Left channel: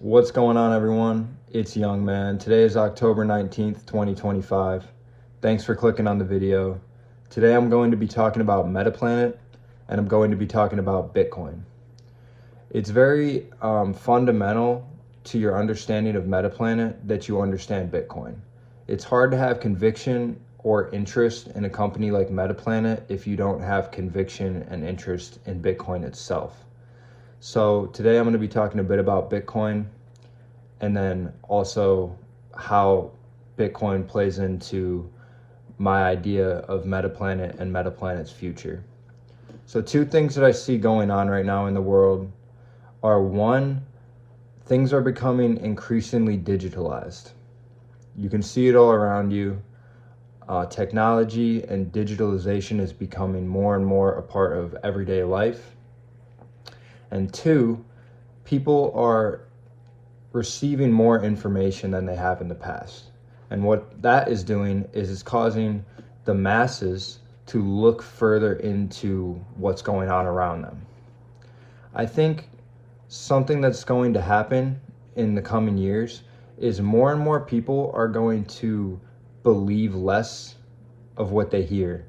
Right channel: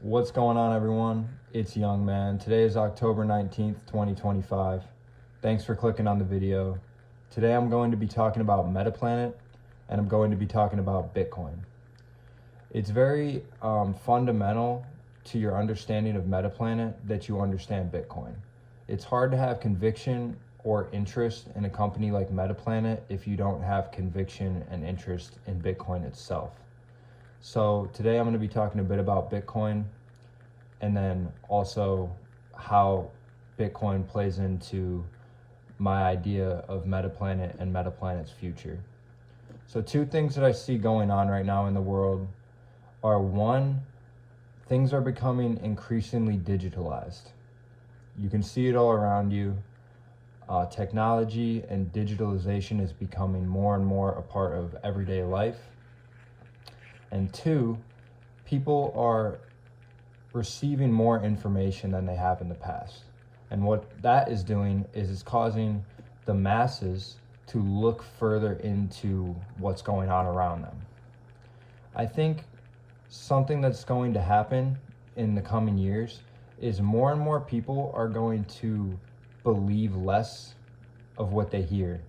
What's going on, everyone? It's Young Man. Today is October 19th, 2025. Thanks for clicking on the video. Today I'm going to be talking about Metaplanet, and I'm going to be talking about Bitcoin. It's very fundamental to your understanding of Metaplanet that you understand Bitcoin. It's hard to have conviction or interest in a company like Metaplanet if you don't have conviction and interest in Bitcoin itself. So today I'm going to be talking a bit about Bitcoin, and then also how Bitcoin plays into my idea of Metaplanet and Metaplanet's future. So two things that I see going on right now in the world are, one, things are becoming increasingly digitalized. You can see it all around you. Technology and digitalization is becoming more and more a part of everyday life. And two, people are receiving more information than they have in the past. And what that is doing is it's causing the masses to look further into what's going on around them. I think something that's going to happen in the coming years is more and more people are going to believe less of what they hear,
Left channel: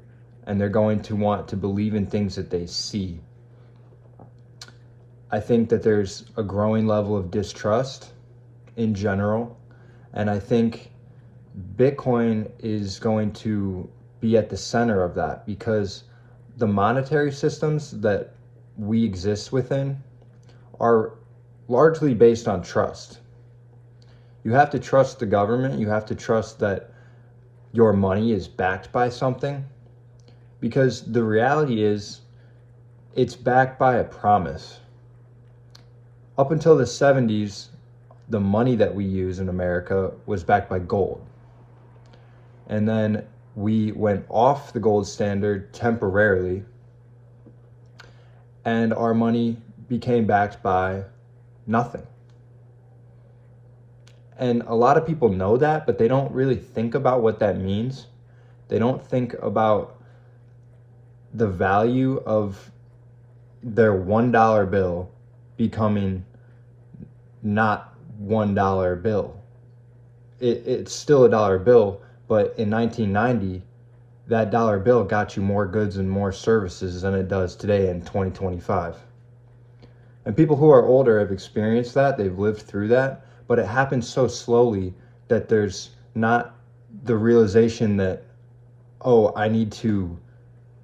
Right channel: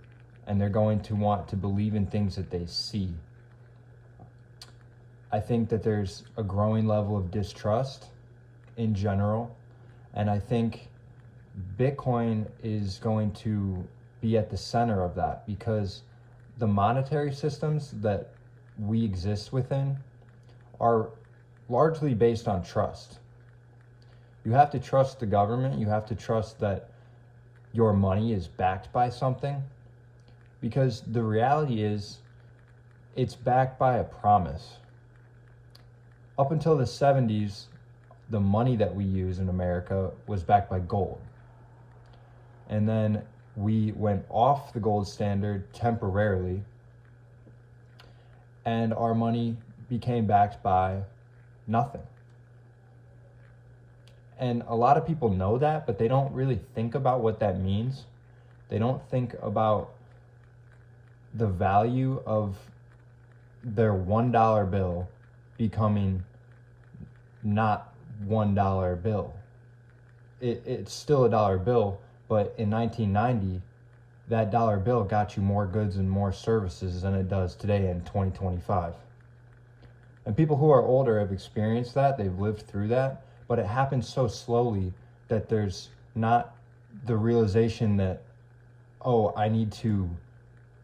and they're going to want to believe in things that they see. I think that there's a growing level of distrust in general, and I think Bitcoin is going to be at the center of that, because the monetary systems that we exist within are largely based on trust. You have to trust the government, you have to trust that your money is backed by something, because the reality is it's backed by a promise. Up until the 70s, the money that we use in America was backed by gold. And then we went off the gold standard temporarily, and our money became backed by nothing. And a lot of people know that, but they don't really think about what that means. They don't think about the value of their $1 bill becoming not $1 bill. It's still a dollar bill, but in 1990, that dollar bill got you more goods and more services than it does today in 2025. And people who are older have experienced that, they've lived through that, but it happens so slowly that there's not the realization that, oh, I need to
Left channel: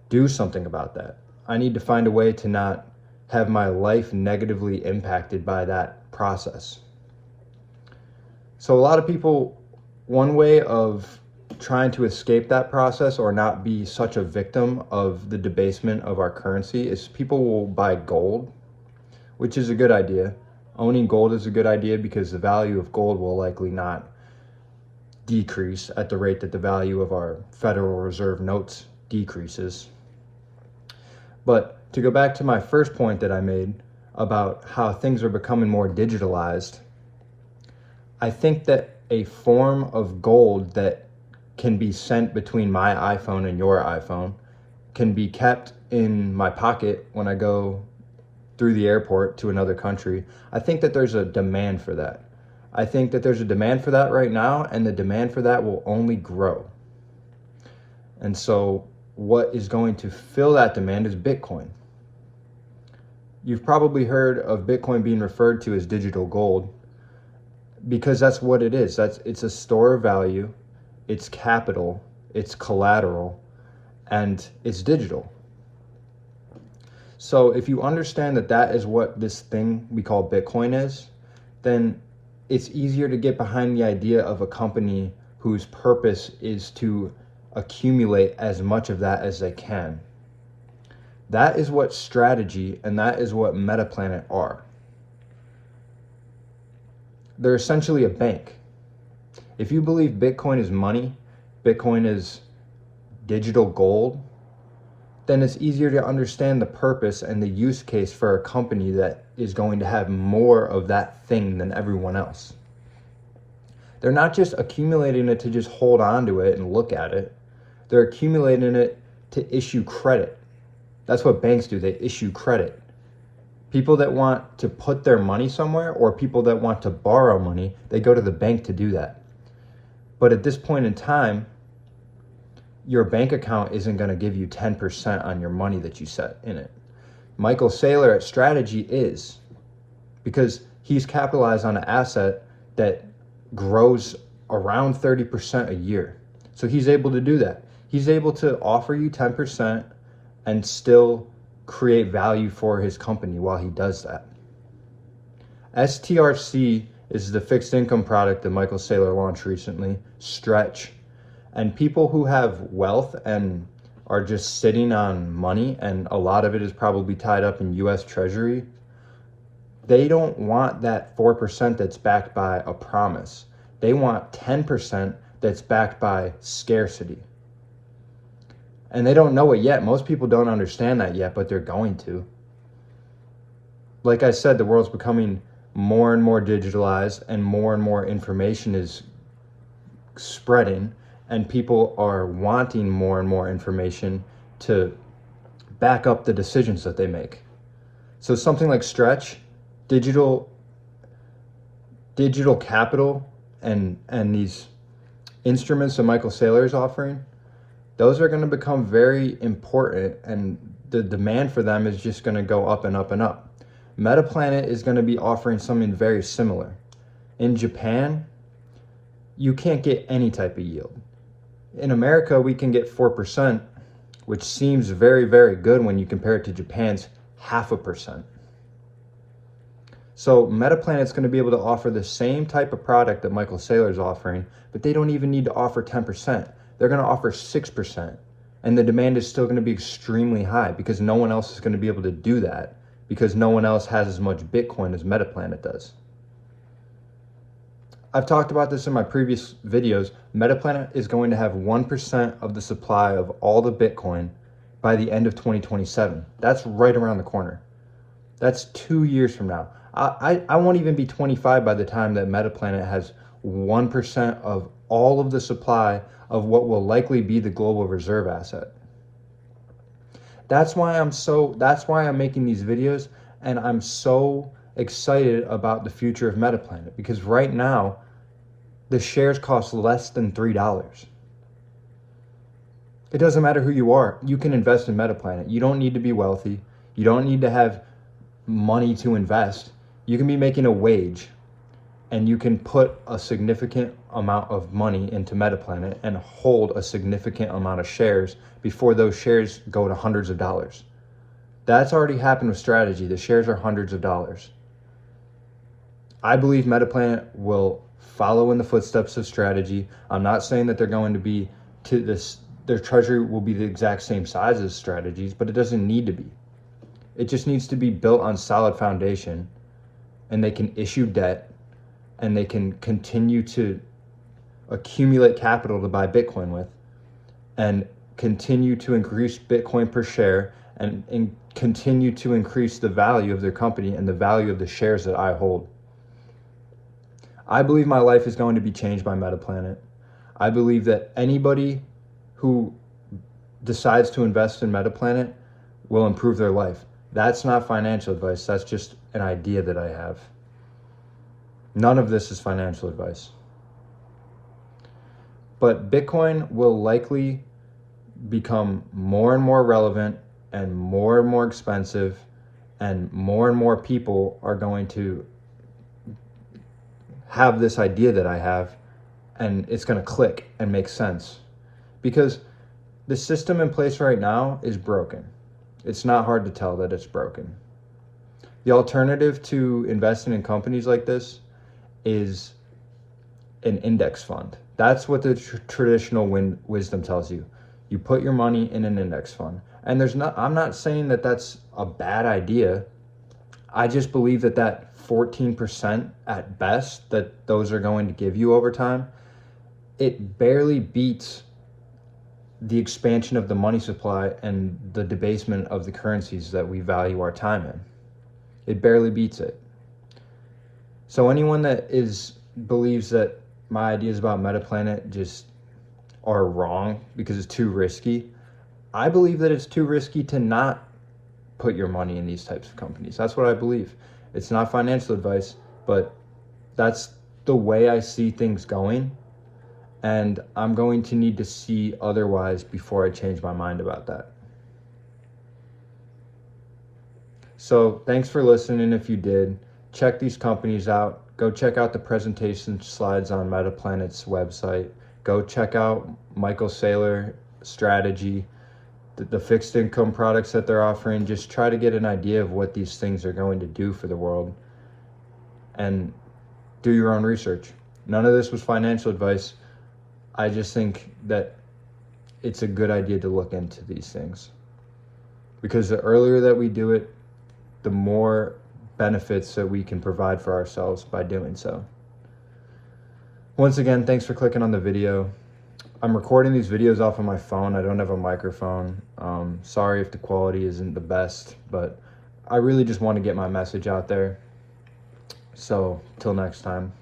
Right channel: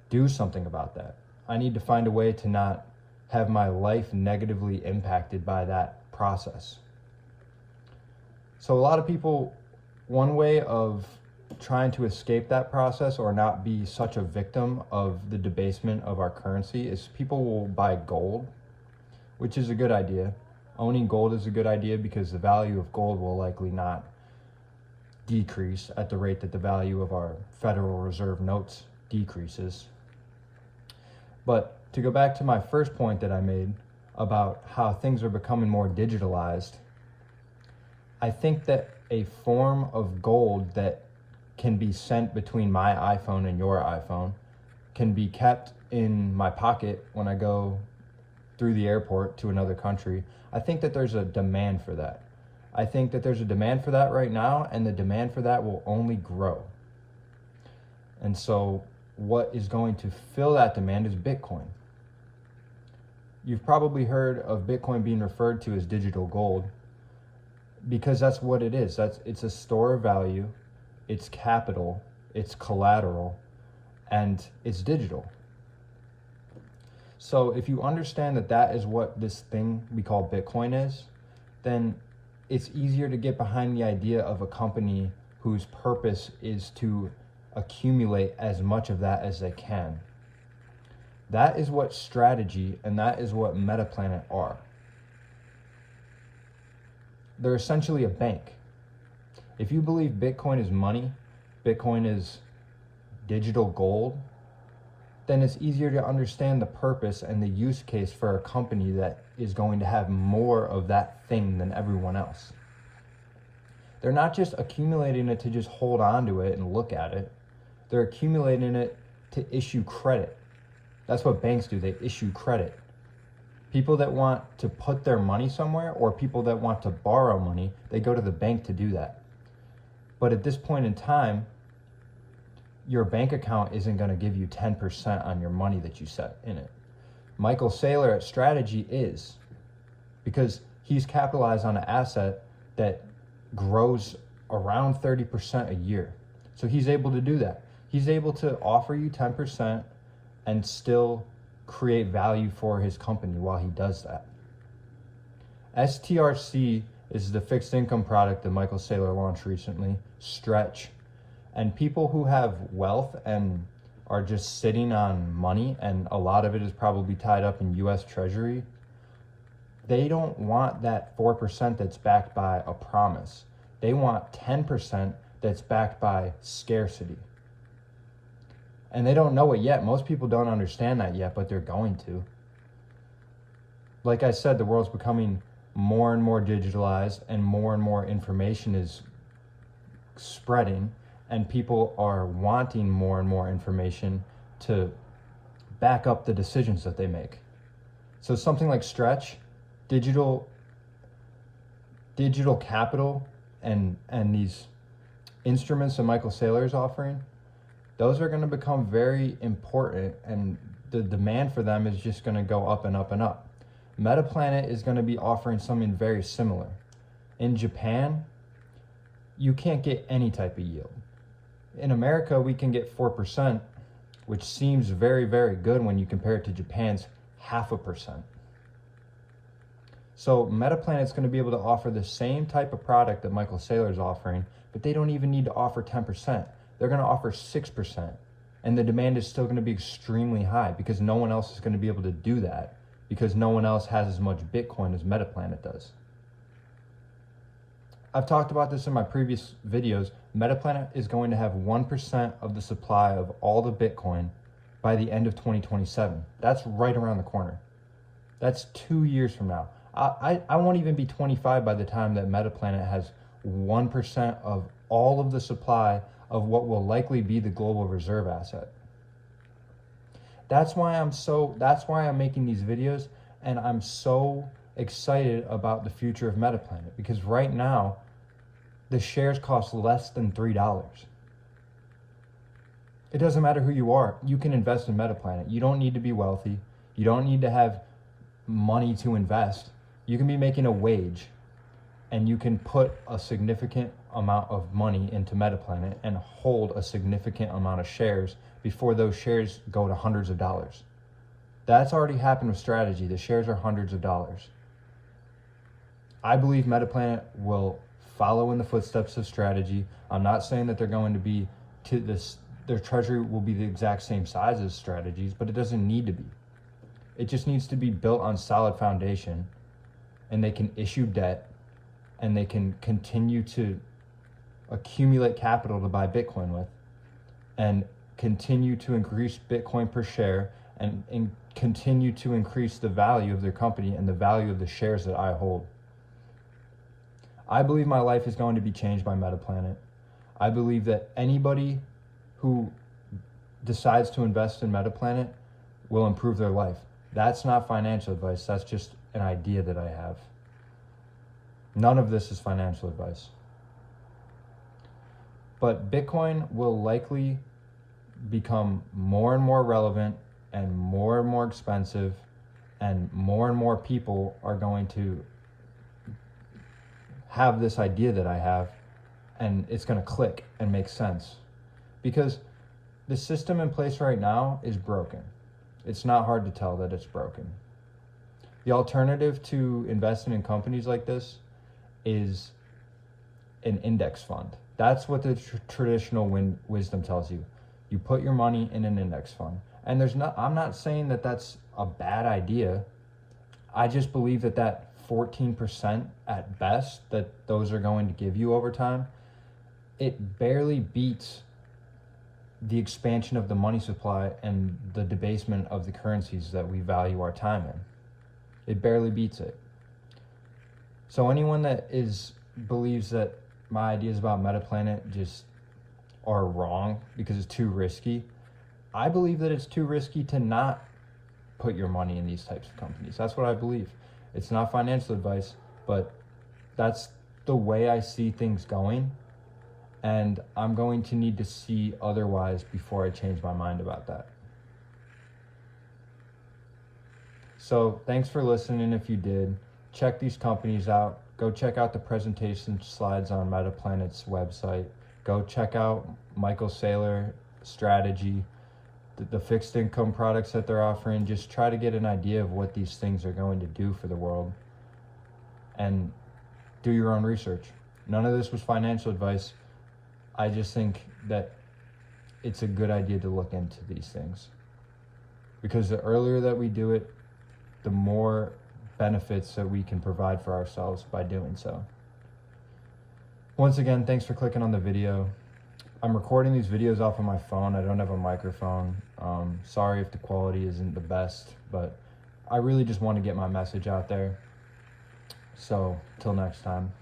do something about that. I need to find a way to not have my life negatively impacted by that process. So a lot of people, one way of trying to escape that process or not be such a victim of the debasement of our currency is people will buy gold, which is a good idea. Owning gold is a good idea because the value of gold will likely not decrease at the rate that the value of our Federal Reserve notes decreases. But to go back to my first point that I made about how things are becoming more digitalized, I think that a form of gold that can be sent between my iPhone and your iPhone can be kept in my pocket when I go through the airport to another country. I think that there's a demand for that. I think that there's a demand for that right now, and the demand for that will only grow. And so what is going to fill that demand is Bitcoin. You've probably heard of Bitcoin being referred to as digital gold, because that's what it is. It's a store of value, it's capital, it's collateral, and it's digital. So if you understand that that is what this thing we call Bitcoin is, then it's easier to get behind the idea of a company whose purpose is to accumulate as much of that as they can. That is what strategy and that is what Metaplanet are. They're essentially a bank. If you believe Bitcoin is money, Bitcoin is digital gold, then it's easier to understand the purpose and the use case for a company that is going to have more of that thing than everyone else. They're not just accumulating it to just hold on to it and look at it. They're accumulating it to issue credit. That's what banks do. They issue credit. People that want to put their money somewhere or people that want to borrow money, they go to the bank to do that. But at this point in time, your bank account isn't going to give you 10% on your money that you set in it. Michael Saylor at Strategy is, because he's capitalized on an asset that grows around 30% a year. So he's able to do that. He's able to offer you 10% and still create value for his company while he does that. STRC is the fixed income product that Michael Saylor launched recently, Stretch. And people who have wealth and are just sitting on money, and a lot of it is probably tied up in US Treasury, they don't want that 4% that's backed by a promise. They want 10% that's backed by scarcity. And they don't know it yet. Most people don't understand that yet, but they're going to. Like I said, the world's becoming more and more digitalized and more information is spreading, and people are wanting more and more information to back up the decisions that they make. So something like Stretch, digital capital, and these instruments that Michael Saylor is offering, those are going to become very important, and the demand for them is just going to go up and up and up. Metaplanet is going to be offering something very similar. In Japan, you can't get any type of yield. In America, we can get 4%, which seems very, very good when you compare it to Japan's 0.5%. So Metaplanet's going to be able to offer the same type of product that Michael Saylor is offering, but they don't even need to offer 10%. They're going to offer 6%. And the demand is still going to be extremely high because no one else is going to be able to do that, because no one else has as much Bitcoin as Metaplanet does. I've talked about this in my previous videos. Metaplanet is going to have 1% of the supply of all the Bitcoin by the end of 2027. That's right around the corner. That's 2 years from now. I won't even be 25 by the time that Metaplanet has 1% of all of the supply of what will likely be the global reserve asset. That's why I'm making these videos, and I'm so excited about the future of Metaplanet, because right now the shares cost less than $3. It doesn't matter who you are, you can invest in Metaplanet. You don't need to be wealthy. You don't need to have money to invest. You can be making a wage, and you can put a significant amount of money into Metaplanet and hold a significant amount of shares before those shares go to hundreds of dollars. That's already happened with Strategy. The shares are hundreds of dollars. I believe Metaplanet will follow in the footsteps of Strategy. I'm not saying that they're going to be to this, their treasury will be the exact same size as Strategies, but it doesn't need to be. It just needs to be built on solid foundation, and they can issue debt, and they can continue to accumulate capital to buy Bitcoin with, and continue to increase Bitcoin per share, and continue to increase the value of their company and the value of the shares that I hold. I believe my life is going to be changed by Metaplanet. I believe that anybody who decides to invest in Metaplanet will improve their life. That's not financial advice. That's just an idea that I have. None of this is financial advice. But Bitcoin will likely become more and more relevant and more expensive, and more people are going to have this idea that I have, and it's going to click and make sense, because the system in place right now is broken. It's not hard to tell that it's broken. The alternative to investing in companies like this is an index fund. That's what the traditional wisdom tells you. You put your money in an index fund. And I'm not saying that that's a bad idea. I just believe that 14% at best that those are going to give you over time, it barely beats the expansion of the money supply and the debasement of the currencies that we value our time in. It barely beats it. So anyone that believes that my ideas about Metaplanet just are wrong because it's too risky, I believe that it's too risky to not put your money in these types of companies. That's what I believe. It's not financial advice, but that's the way I see things going. And I'm going to need to see otherwise before I change my mind about that. So thanks for listening. If you did, check these companies out. Go check out the presentation slides on Metaplanet's website. Go check out Michael Saylor strategy, the fixed income products that they're offering. Just try to get an idea of what these things are going to do for the world, and do your own research. None of this was financial advice. I just think that it's a good idea to look into these things, because the earlier that we do it, the more benefits that we can provide for ourselves by doing so. Once again, thanks for clicking on the video. I'm recording these videos off of my phone. I don't have a microphone. Sorry if the quality isn't the best, but I really just want to get my message out there. So, till next time.